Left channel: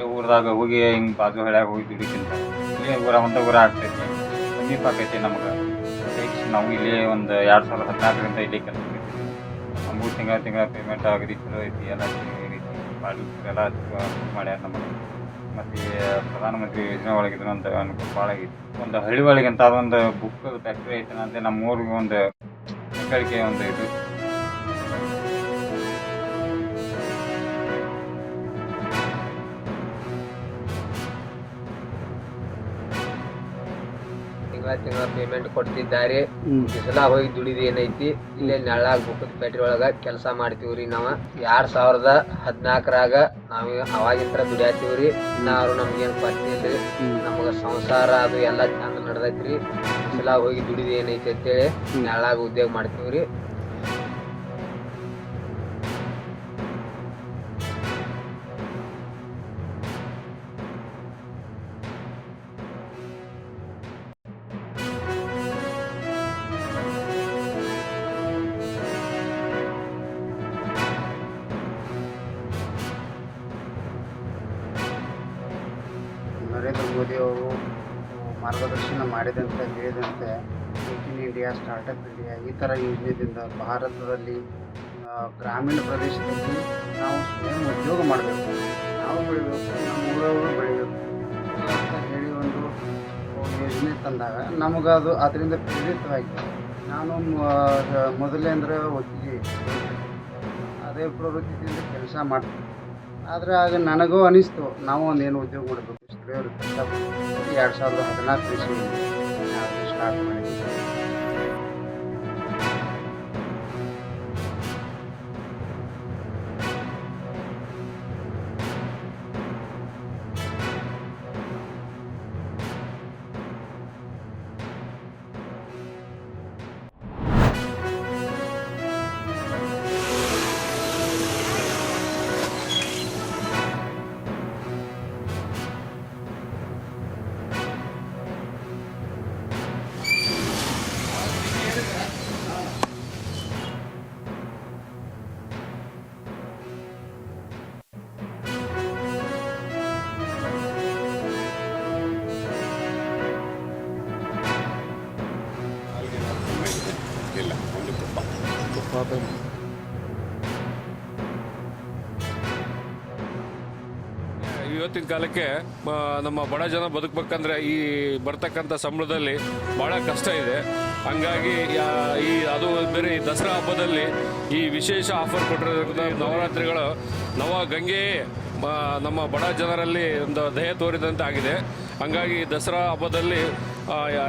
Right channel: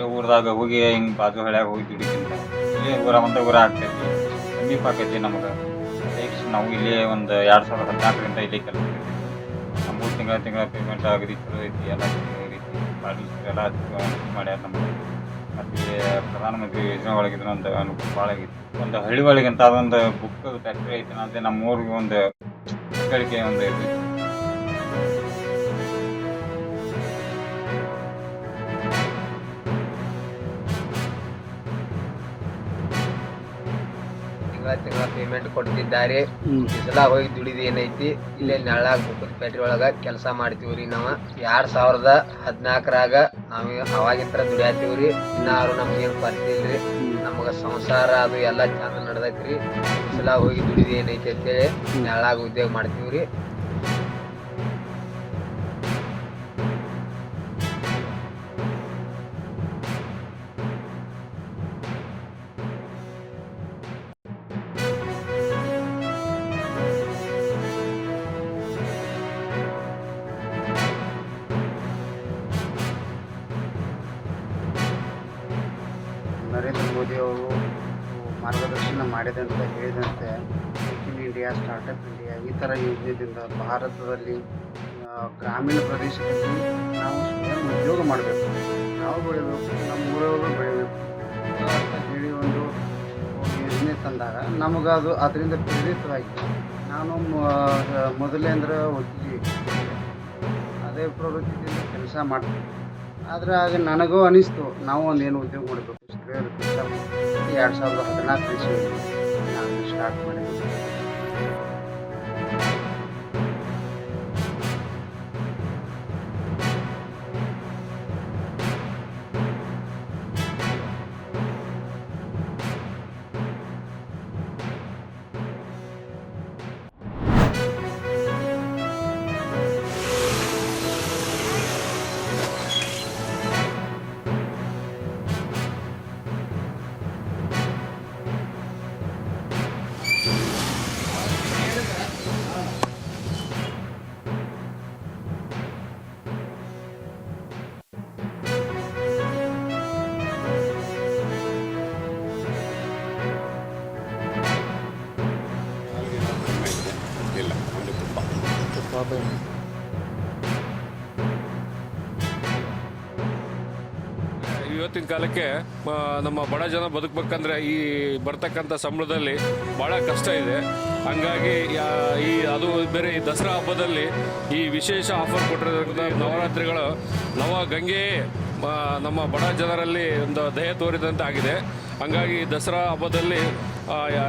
ಬೇರೆ ಊರದಾಗ ಹೋಗಿ ಹಿಂಗೆ ಬಾಜು ಹಳ್ಯಾಗ ಹೋಗಿ ದುಡಿಕ್ಕಿಂತ ಇಲ್ಲೇ ಒಂದು ಊರ ಆಗ್ತೈತಿ, ಸಮೀಪ ಆಕೈತಿ ನಮ್ಗೆ. ನಾವು ಇಲ್ಲೇ ಒಂದು 2014ರಿಂದ ಇಲ್ಲೇ ಕೆಲಸ ಮಾಡ್ತಿದ್ದೀವಿ. ನಮಗೂ ತಿಂಗಳ ಪೇಮೆಂಟ್ ಅಗದಿ ಚಲೋ ಐತಿ. ಎಲ್ಲ ರೀತಿ ಪಾಲಿಸರೆಲ್ಲ ಅನುಕೂಲ ಮಾಡ್ಯಾರ ನಮಗೆ. ಮತ್ತು ಪ್ರಧಾನಮಂತ್ರಿ ಯೋಜನೆ ಒಳಗೆ ಇದನ್ನೊಂದು ಅನುಕೂಲ ಭಾಳ ಆಗೈತಿ. ಒಂದು ಹಳ್ಳಿ ಒಳಗಿಂತ ಅದೊಂದು ಬುಕ್ಕದ ಫ್ಯಾಕ್ಟ್ರಿ ಐತೆ ಅಂದರೆ ನಮ್ಮ ಊರಿಗೆ ಒಂದು ಹೆಗ್ಗಳಿಕೆ ಒಂದು ಇದು. ತಿಂಗಳ ಪೇಮೆಂಟ್ ಕೊಡ್ತಿದ್ದಾರೆ. ಬಿಸಿಲಾಗ ಹೋಗಿ ದುಡಿದು ಏನೈತಿ ಇಲ್ಲೇ ನೆಳ್ಳಾಗ ಬುಕ್ಕದ ಫ್ಯಾಕ್ಟ್ರಿ ಒಳಗ ಕೆಲಸ ಮಾಡ್ತೀವ್ರಿ. ನಾವ 2014ರಾಗ ನಾವು ಅವಾಗಿಂತರ ದುಡಿಯಾತೀವ್ರಿ. ಇನ್ನಾರು ನಮ್ಗೇನು ಪರಿಚಯ ಇಲ್ರಿ. ನಮಗ ಸಂಸಾರ ಅದು ಎಲ್ಲ ಚಂದ ನಡ್ದೈತ್ರಿ. ಬಿಸಿಲಾಗ ಹೋಗಿ ದುಡಿದು ಏನೈತಿ ಅಂತೇಳಿ ನೆಳ್ಳಾಗ ಉದ್ಯೋಗ ಮಾಡ್ತೀವ್ರಿ. ನರೇಂದ್ರ ಮೋದಿ ಅವರು ಮಾರ್ಗದರ್ಶನ ಮಾಡಿದಂತೆ ಹೇಳಿದಂತೆ make in India, startup India ಈ ಥರ ಯೋಜನೆಯಿಂದ ಭಾರತದಲ್ಲಿ ಗ್ರಾಮೀಣ ಪ್ರದೇಶದಲ್ಲಿ ನಾವು ಸ್ವಯಂ ಉದ್ಯೋಗ ಮಾಡಬೇಕು, ನಾವು ಬೆಳಿಬೇಕು, ನಮ್ಮ ಊರವರು ಬೆಳಿಬೇಕು ಅಂತ ಹೇಳಿ ಒಂದು ಯೋಜನೆ ತಂದಾಗ ನಮಗದು ಅದರಿಂದ ಪ್ರೇರಿತವಾಗಿ ನಾನು ಮೊದಲೇ ಅಂದರೆ ವಕೀಲಿ ಅದೇ ಪ್ರವೃತ್ತಿಯಿಂದ ಕೆಲಸ ಮಾಡ್ತೀನಿ. ಆದರೆ ಆಗ ನನಗೂ ಅನಿಸ್ತು ನಾವು ಒಂದೇನು ಉದ್ಯೋಗ ಮಾಡಬೇಕು, ಸ್ಥಳೀಯರು ಕೆಲಸ ಮಾಡಬೇಕು. 2014 ಇಸ್ವಿಯಲ್ಲಿ ನಾವು ಸ್ಟಾರ್ಟ್ ಮಾಡಿದ್ವಿ. ಇಲ್ಲ ಒಂದು ತುಪ್ಪ ಇವತ್ತಿನ ಕಾಲಕ್ಕೆ ನಮ್ಮ ಬಡ ಜನ ಬದುಕಬೇಕಂದ್ರೆ ಈ ಬರ್ತಕ್ಕಂಥ ಸಂಬಳದಲ್ಲಿ ಭಾಳ ಕಷ್ಟ ಇದೆ. ಹಂಗಾಗಿ ಅದು ಬೇರೆ ಈ ದಸರಾ ಹಬ್ಬದಲ್ಲಿ ಈ ವಿಶೇಷ ಆಫರ್ ಕೊಟ್ಟಿರೋದ್ರಿಂದ ನವರಾತ್ರಿಗಳು ನವಗಂಗೆ ನಮ್ಮ ಬಡ ಜನರಲ್ಲಿ ಒಂದು ದಯೆ ತೋರಿದಂತೆ ಆಗಿದೆ. ಹಂಗಾಗಿ ದಸರಾ ಹಬ್ಬದಲ್ಲಿ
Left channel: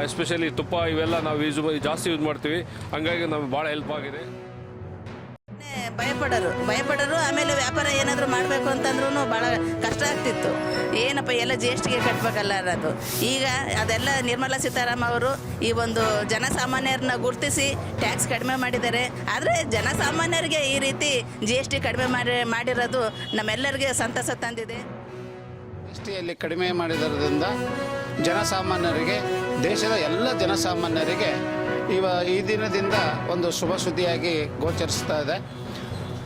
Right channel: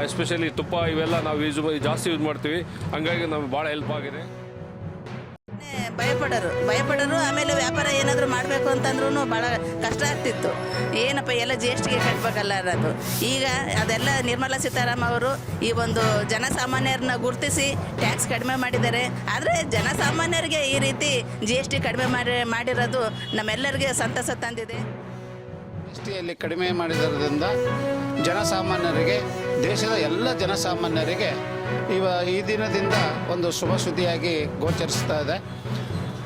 ಎಸ್ಪೆಷಲಿ ತುಪ್ಪ ಇವೆಲ್ಲ ನಾವು ಜಾಸ್ತಿ ಯೂಸ್ ಮಾಡ್ತೀವಿ. ಹಂಗಾಗಿ ನಮ್ಗೆ ಭಾಳ ಹೆಲ್ಪ್ ಆಗಿದೆ. ಭಯಪಡರು. ಆಮೇಲೆ ವ್ಯಾಪಾರ ಏನಾದರೂ ಮಾಡಬೇಕು ಅಂತಂದ್ರೂ ಭಾಳ ಕಷ್ಟ ಆಗ್ತಿತ್ತು. ಏನಪ್ಪ ಎಲ್ಲ GST ಕಟ್ಟಬೇಕಲ್ಲ ಅನ್ನೋದು. ಈಗ ಅದೆಲ್ಲ ನಿರ್ಮಲಾ ಸೀತಾರಾಮನ್ ಅವರು ಈ ಒಂದು ಜನಸಾಮಾನ್ಯರನ್ನ ಗುರುತಿಸಿ ಟ್ಯಾಕ್ಸ್ ಕಡಿಮೆ ಮಾಡಿದ್ದಾರೆ. ಆದರೆ ಜನಸಾಮಾನ್ಯರಿಗೆ ಈ ರೀತಿ GST ಕಡಿಮೆ ಮಾಡಿರೋದು ನಮ್ಮೆಲ್ಲರಿಗೆ ಸಂತಸ ತಂದಿದೆ. GSTಯಲ್ಲಿ ಕಡಿಮೆ ಮಾಡಿರೋದ್ರಿಂದ ಜನಸಾಮಾನ್ಯರಿಗೆ, ದೇಶದ ಎಲ್ಲ ಜನಸಾಮಾನ್ಯರಿಗೆ ಈ ದಿನದಿಂದ ಒಂದು ಶುಭ ಸುದ್ದಿಯಾಗಿ ಗೋಚರಿಸ್ತಾ ಇದೆ.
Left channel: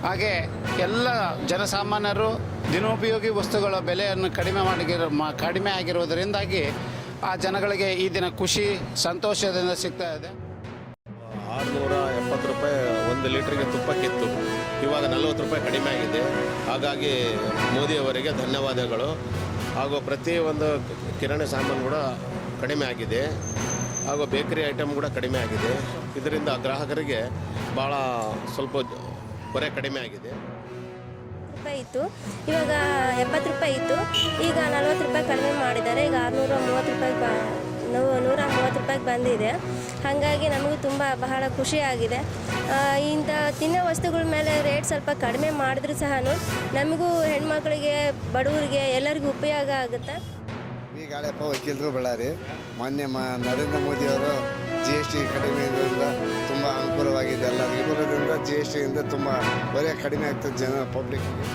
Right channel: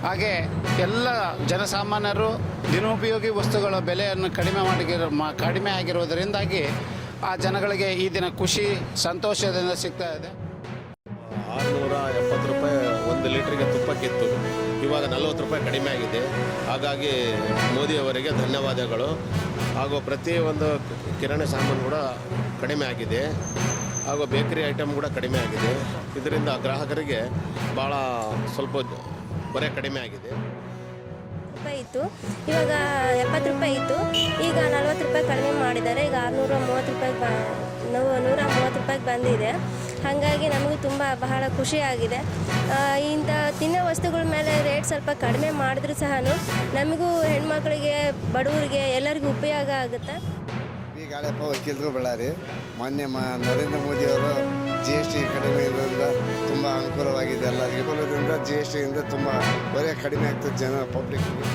ಹಾಗೆ ಎಲ್ಲ ಜನಸಾಮಾನ್ಯರು ದಿನೋಪಯೋಗಿ ವಸ್ತುಗಳ ಬೆಲೆಯನ್ನು ಕಡಿಮೆ ಆಗಿರುವುದರಿಂದಾಗಿ ಆ ಜನಗಳಿಗೆ ಈ ದಿನ ಖುಷಿ ಸಂತೋಷದಿಂದ ಸಿಗ್ತಾ ಇದೆ. 670 ರೂಪಾಯಿ 1 ಲೀಟ್ರಿಗೆ ತುಪ್ಪಕ್ಕಿತ್ತು, ಇವಾಗ 40 ರೂಪಾಯಿ ಕಡಿಮೆ ಆಗಿದೆ. ಹಾಗಾಗಿ ಮೋದಿಯವರಿಗೆ ಧನ್ಯವಾದಗಳು. ಹಾಗೂ ಪ್ರತಿಯೊಂದು ಕಿರಾಣಿ ಸಾಮಾನು ಕೂಡ ಕಡಿಮೆ ಆಗಿದೆ, ಹಾಗೂ ಬೇಕರಿ ಐಟಮ್ ಕೂಡ ಕಡಿಮೆ ಆಗಿದೆ. ಇದರಿಂದ ಗ್ರಾಹಕರಿಗೆ ಭಾಳ ಸ್ವಲ್ಪ ಹೊರೆ ಕಡಿಮೆ ಆಗಿದೆ. ರೂಪಾಯಿ ಇತ್ತು, ಇವಾಗ 70 ರೂಪಾಯಿ ಇತ್ತು, ಈಗ 40 ರೂಪಾಯಿ ಕಡಿಮೆ ಮಾಡಿದ್ದಾರೆ. ಈಗ 630 ರೂಪಾಯಿಗೆ 130 ರೂಪಾಯಿಗೆ ಬಂದಿದೆ. ಹಾಗಾಗಿ ನಮಗೂ ಬಹಳ ಖುಷಿಯಾಗಿದೆ. ಇಂಥ ತಿನ್ನೋ ವಸ್ತುಗಳ ಮೇಲೆ ರೇಟ್ ಸ್ವಲ್ಪ ಕಡಿಮೆ ಮಾಡಿದ್ರೂ ಸಹ ನಮಗೂ ಹೆಣ್ಮಕ್ಳಿಗೆ, ಬಡವರಿಗೆ ಎಲ್ಲರಿಗೂ ಉಪಯೋಗ ಆಗುತ್ತೆ. ಈ ಗಾಳಿಯಪ್ಪ ವಕೀಲರು ಬಳ್ಳಾರಿ. ಮೊನ್ನೆ ನರೇಂದ್ರ ಮೋದಿಯವರು GST ಕಡಿಮೆ ಇರೋದ್ರಿಂದ ತುಂಬ ಅನುಕೂಲವಾಗಿದೆ ಎಲ್ಲರಿಗೆ. GSTಯಿಂದ ತುಂಬ ಹೊರೆ ಕಡಿಮೆ ಆಗ್ತದೆ ಪಬ್ಲಿಕ್ಕಿಗೆ.